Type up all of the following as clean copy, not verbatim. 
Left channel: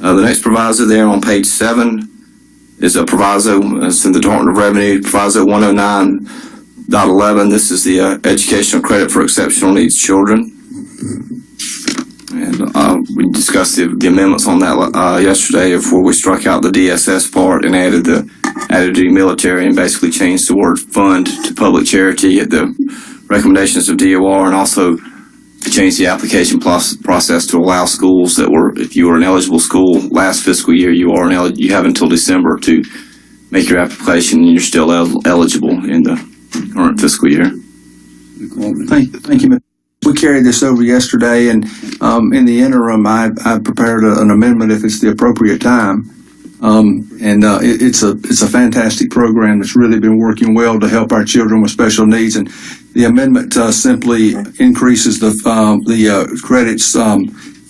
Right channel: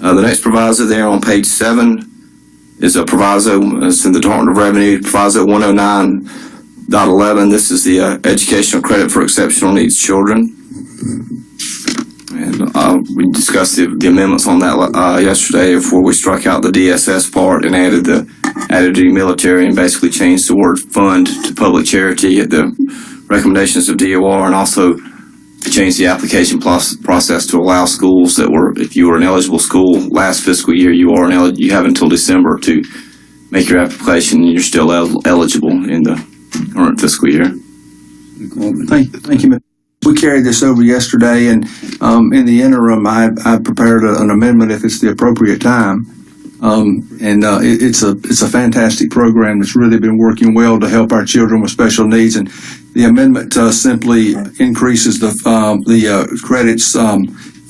The next proviso there on page 7 is a proviso. It's in the Department of Revenue, proviso 109.11. This is the educational credit for exceptional needs children. And we discussed the amendments on that yesterday, where we struck out the DSS part and added the military and basically changed the word fund to public charity at the recommendations of DOR, and also changed the application process to allow schools that were, if you were an eligible school last fiscal year, you have until December to make your application, and you're still eligible in the current fiscal year. Thank you. We carried this over yesterday, and in the interim, I prepared an amendment if it's the appropriate time. It's a fantastic program that's really been working well to help our children with special needs. And the amendment simply increases the credits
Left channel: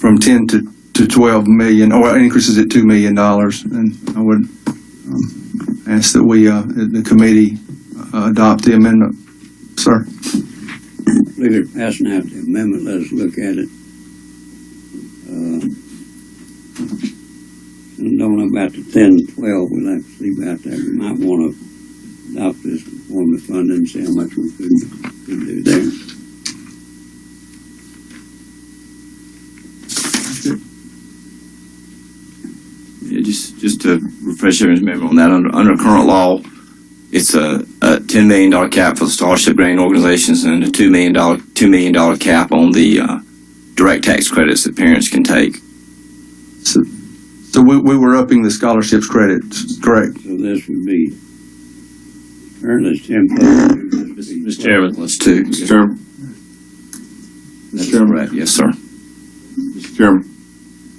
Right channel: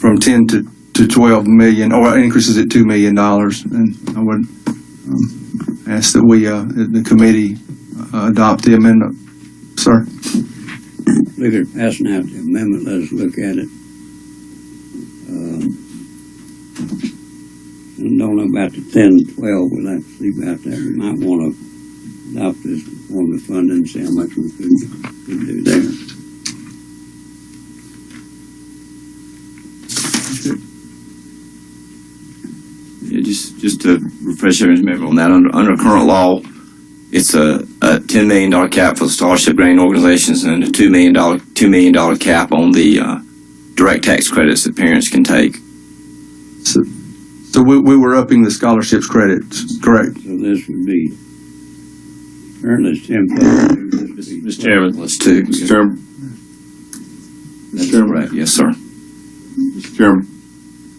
from 10 to 12 million, or increases it $2 million. And I would ask that the committee adopt the amendment, sir. Look at passing out the amendment. Let us look at it. I don't know about the 10, 12. We'll have to see about that. We might want to adopt this form of funding and see how much we could do there. Yeah, just to refresh everyone's memory on that, under current law, it's a $10 million cap for the scholarship granting organizations and a $2 million cap on the direct tax credits that parents can take. So we were upping the scholarships credits, correct? So this would be currently it's 10. Mr. Chairman, let's do. Mr. Chairman. Mr. Chairman. Right. Yes, sir. Mr. Chairman.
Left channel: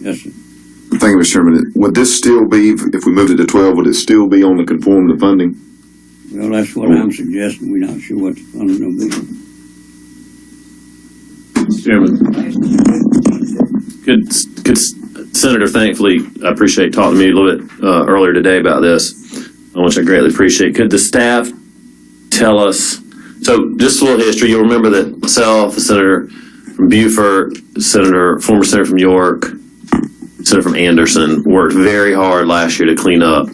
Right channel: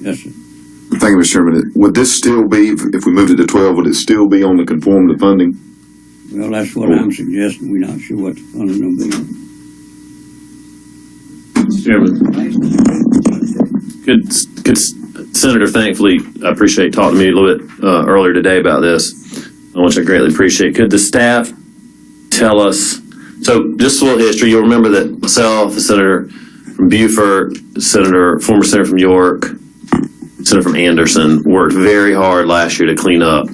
Yes, sir. Thank you, Mr. Chairman. Would this still be, if we moved it to 12, would it still be on the conform to funding? Well, that's what I'm suggesting. We're not sure what the funding will be. Mr. Chairman. Good, Senator, thankfully, I appreciate talking to me a little bit earlier today about this, which I greatly appreciate. Could the staff tell us, so just a little history, you'll remember that myself, the senator from Beaufort, former senator from York, senator from Anderson, worked very hard last year to clean up,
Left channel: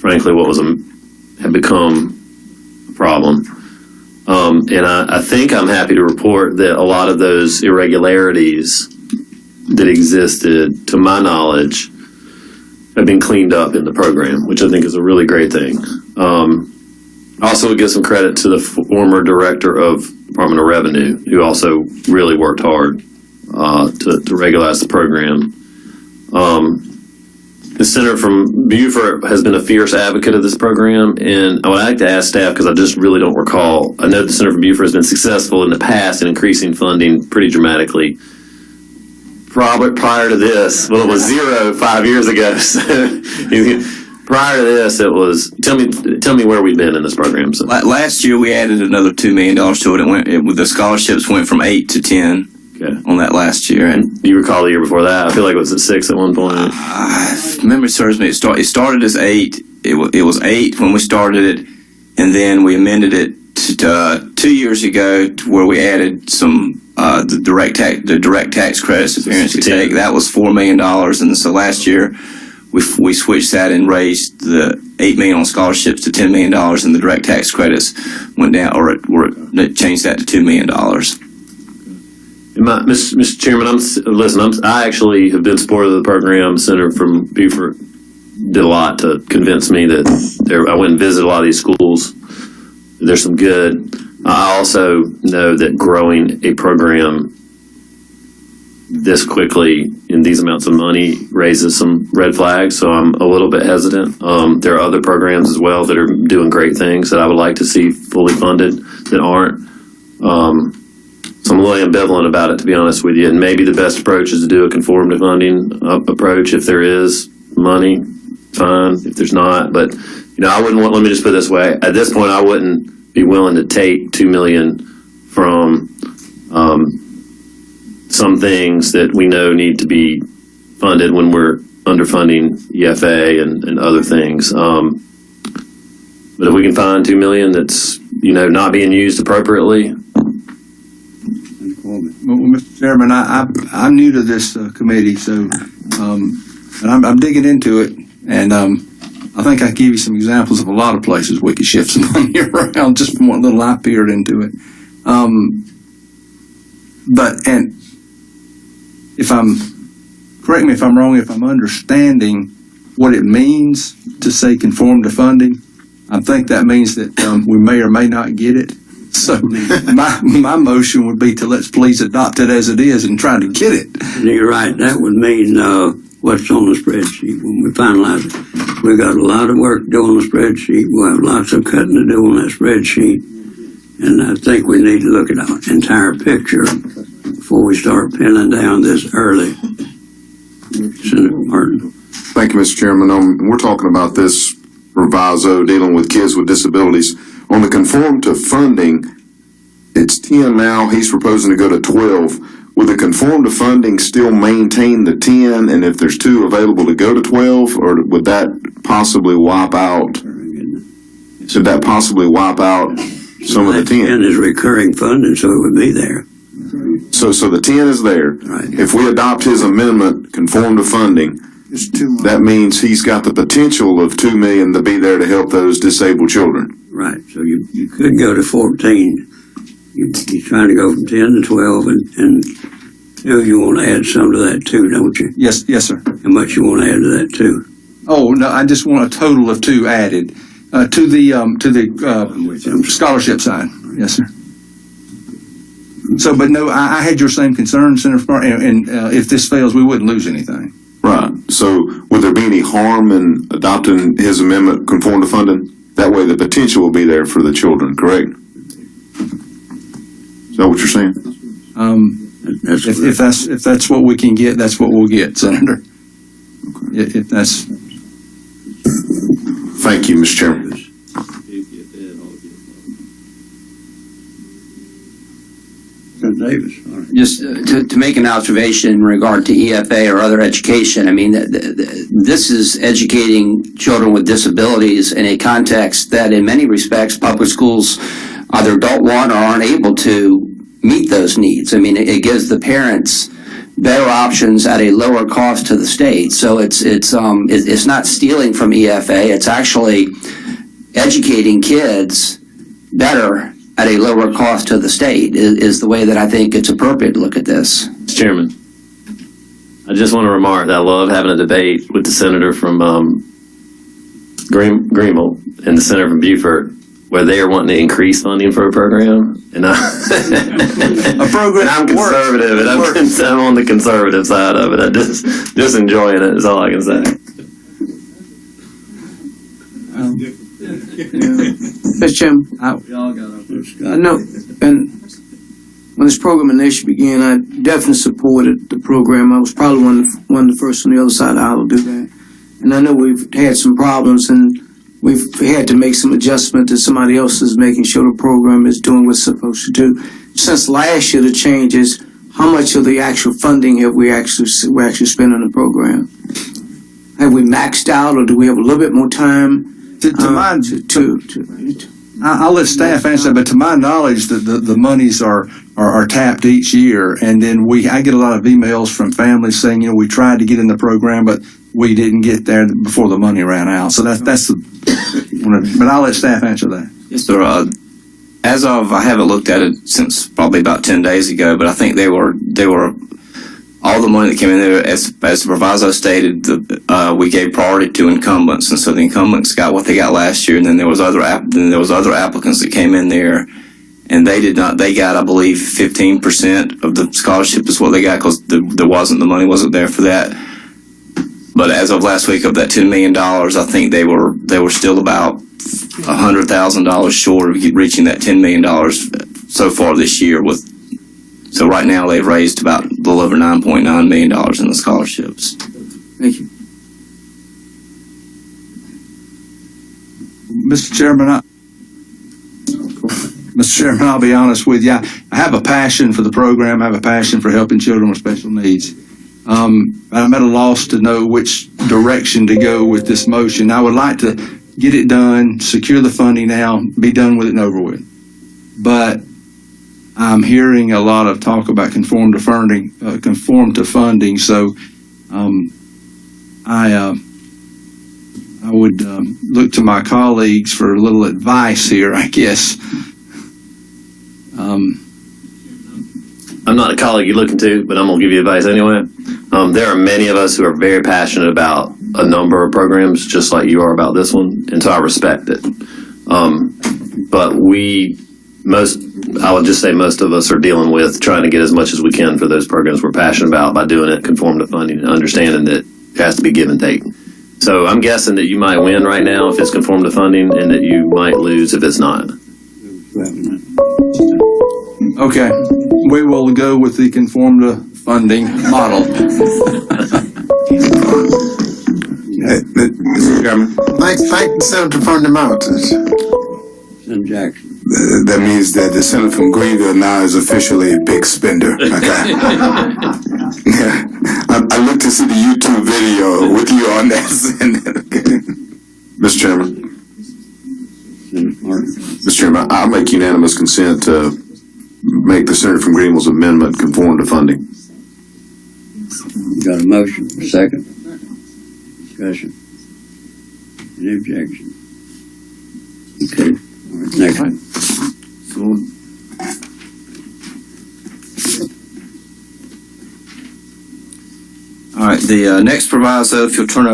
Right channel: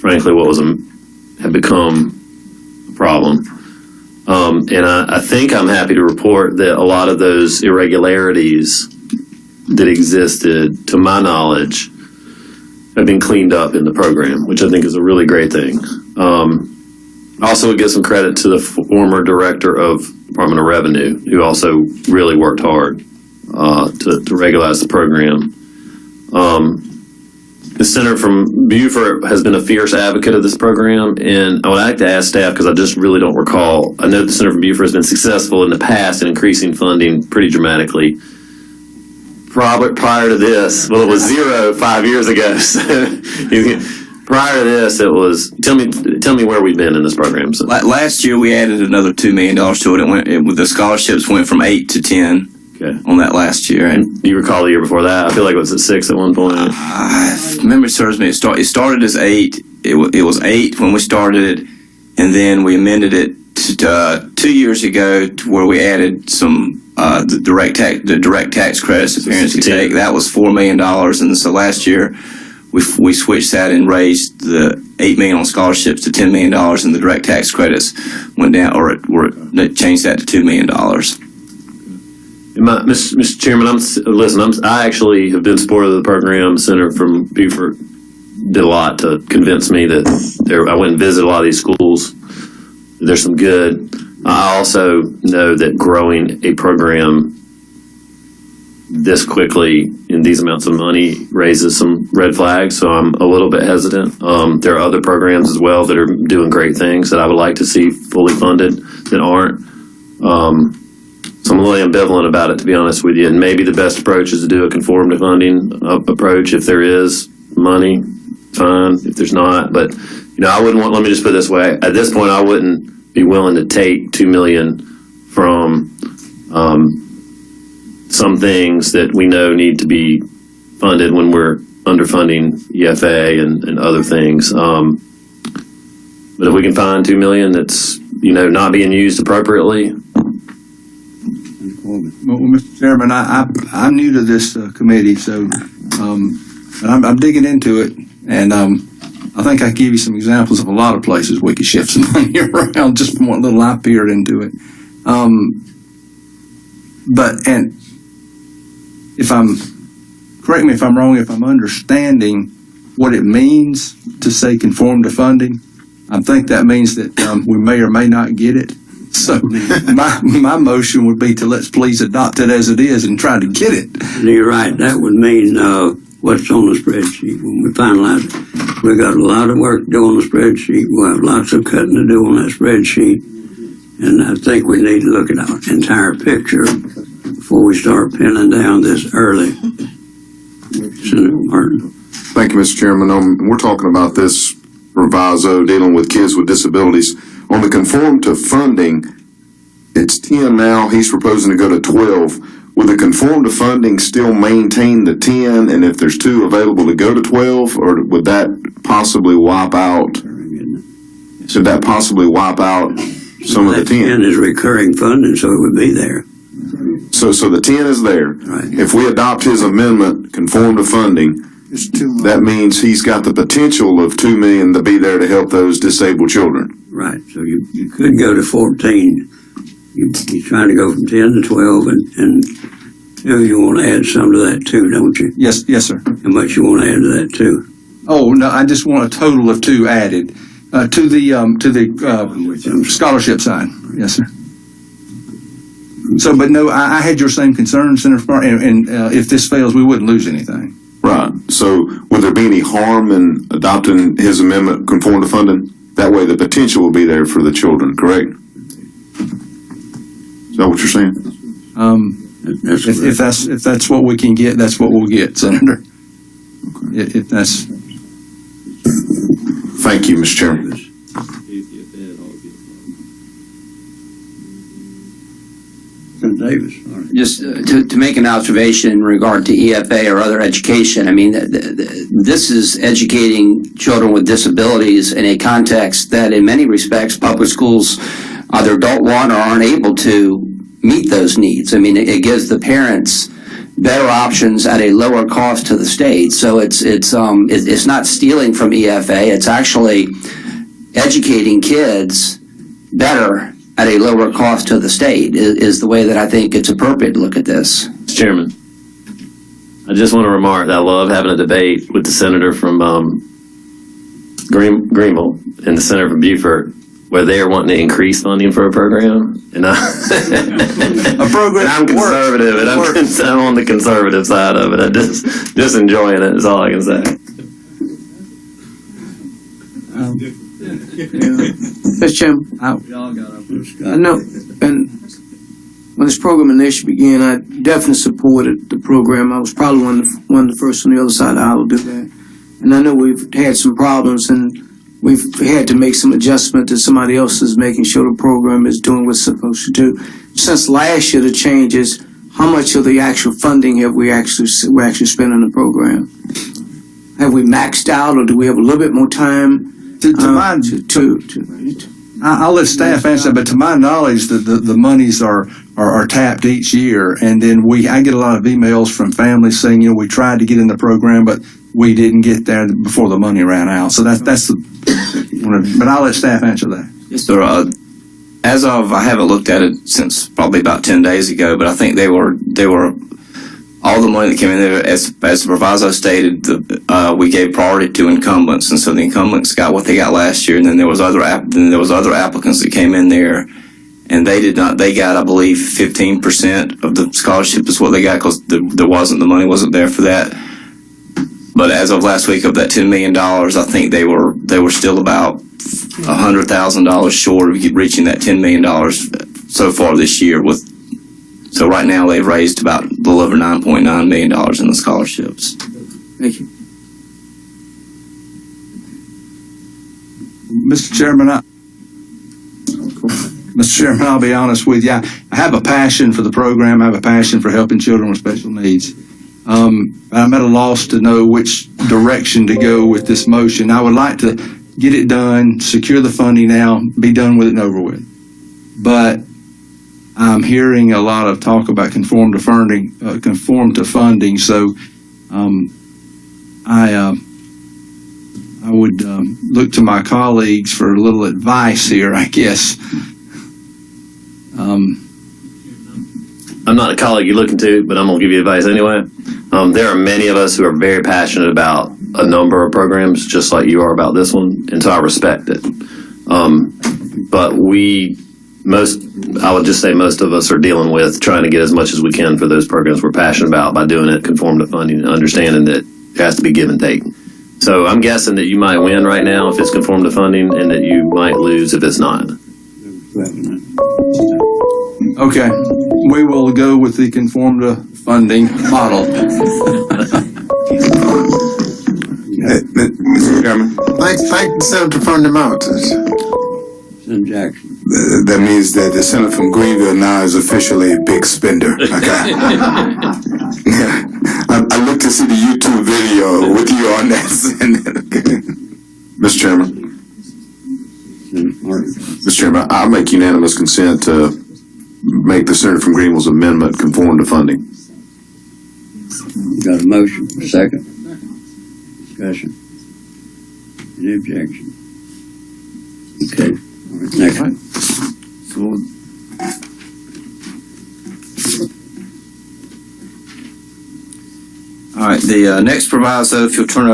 frankly, what had become a problem. And I think I'm happy to report that a lot of those irregularities that existed, to my knowledge, have been cleaned up in the program, which I think is a really great thing. Also, would give some credit to the former director of Department of Revenue, who also really worked hard to regularize the program. The senator from Beaufort has been a fierce advocate of this program, and I would like to ask staff, because I just really don't recall. I know the senator from Beaufort has been successful in the past in increasing funding pretty dramatically. Probably prior to this, well, it was 0 5 years ago. So prior to this, it was. Tell me where we've been in this program. So. Last year, we added another $2 million to it. The scholarships went from 8 to 10. Okay. On that last year. And do you recall the year before that? I feel like it was at 6 at one point. Memory serves me. It started as 8. It was 8 when we started it, and then we amended it to 2 years ago to where we added some the direct tax credits that parents could take. That was $4 million, and so last year we switched that and raised the $8 million on scholarships to $10 million, and the direct tax credits went down, or it changed that to $2 million. Mr. Chairman, I actually have been supportive of the program. Senator from Beaufort did a lot to convince me that I went and visited a lot of these schools. There's some good. I also know that growing a program this quickly in these amounts of money raises some red flags, so I'm a little bit hesitant. There are other programs as well that are doing great things that I would like to see fully funded that aren't. So I'm really ambivalent about it, to be honest with you. And maybe the best approach is to do a conform to funding approach. If there is money, fine. If there's not, but I wouldn't want. Let me just put it this way: at this point, I wouldn't be willing to take $2 million from some things that we know need to be funded when we're underfunding EFA and other things. But if we can find $2 million that's not being used appropriately. Well, Mr. Chairman, I'm new to this committee, so but I'm digging into it, and I think I can give you some examples of a lot of places we could shift some money around just from what little I peered into it. And if correct me if I'm wrong, if I'm understanding what it means to say conform to funding, I think that means that we may or may not get it. So my motion would be to let's please adopt it as it is and try to get it. You're right. That would mean what's on the spreadsheet when we finalize it. We got a lot of work to do on the spreadsheet. We'll have lots of cutting to do on that spreadsheet. And I think we need to look at our entire picture before we start pinning down this early. Senator Martin. Thank you, Mr. Chairman. We're talking about this proviso dealing with kids with disabilities. On the conform to funding, it's 10 now. He's proposing to go to 12. Would the conform to funding still maintain the 10? And if there's 2 available to go to 12, or would that possibly wipe out? Should that possibly wipe out some of the 10? 10 is recurring funding, so it would be there. So the 10 is there. Right. If we adopt his amendment, conform to funding, that means he's got the potential of $2 million to be there to help those disabled children. Right. So you could go to 14. You're trying to go from 10 to 12, and 2, you want to add some to that too, don't you? Yes, sir. How much you want to add to that too? Oh no, I just want a total of 2 added to the scholarship side. Yes, sir. So, but no, I had your same concern, Senator Farr, and if this fails, we wouldn't lose anything. Right. So would there be any harm in adopting his amendment, conform to funding? That way the potential will be there for the children, correct? Is that what you're saying? If that's what we can get, that's what we'll get, Senator. Okay. If that's. Thank you, Mr. Chairman. Davis. Just to make an observation in regard to EFA or other education, I mean, this is educating children with disabilities in a context that in many respects public schools either don't want or aren't able to meet those needs. I mean, it gives the parents better options at a lower cost to the state. So it's not stealing from EFA, it's actually educating kids better at a lower cost to the state is the way that I think it's appropriate to look at this. Mr. Chairman, I just want to remark that I love having a debate with the senator from Greenville and the senator from Beaufort, where they are wanting to increase funding for a program, and A program. I'm conservative, and I'm on the conservative side of it. I just enjoying it is all I can say. Mr. Chairman, I know, and when this program initially began, I definitely supported the program. I was probably one of the first on the other side of the aisle to do that. And I know we've had some problems, and we've had to make some adjustment that somebody else is making sure the program is doing what it's supposed to do. Since last year, the change is how much of the actual funding have we're actually spent on the program? Have we maxed out, or do we have a little bit more time? I'll let staff answer, but to my knowledge, the monies are tapped each year, and then I get a lot of emails from families saying, we tried to get in the program, but we didn't get there before the money ran out. So that's but I'll let staff answer that. Yes, sir. As of, I haven't looked at it since probably about 10 days ago, but I think they were all the money that came in there, as the proviso stated, we gave priority to incumbents, and so the incumbents got what they got last year, and then there was other applicants that came in there, and they got, I believe, 15% of the scholarship is what they got, because the money wasn't there for that. But as of last week, of that $10 million, I think they were still about $100,000 short of reaching that $10 million so far this year. So right now they've raised about a little over $9.9 million in the scholarships. Thank you. Mr. Chairman, I'll be honest with you. I have a passion for the program. I have a passion for helping children with special needs. I'm at a loss to know which direction to go with this motion. I would like to get it done, secure the funding now, be done with it and over with. But I'm hearing a lot of talk about conform to funding. So I would look to my colleagues for a little advice here, I guess. I'm not a colleague you're looking to, but I'm going to give you advice anyway. There are many of us who are very passionate about a number of programs, just like you are about this one, and so I respect it. But I would just say most of us are dealing with trying to get as much as we can for those programs we're passionate about by doing it conform to funding and understanding that it has to be give and take. So I'm guessing that you might win right now if it's conform to funding and that you might lose if it's not. Okay, we will go with the conform to funding model. Mr. Chairman, thank the senator from the mountains. Senator Jackson. That means that the senator from Greenville now is officially a big spender. Okay. Yeah. I look to see the YouTube video with you on that, Senator. Okay. Mr. Chairman, Senator Martin. Mr. Chairman, I'll make unanimous consent to make the senator from Greenville's amendment conform to funding. You got a motion, a second? Discussion. Any objection? Okay. All right, next one. All right, the next proviso, if you'll turn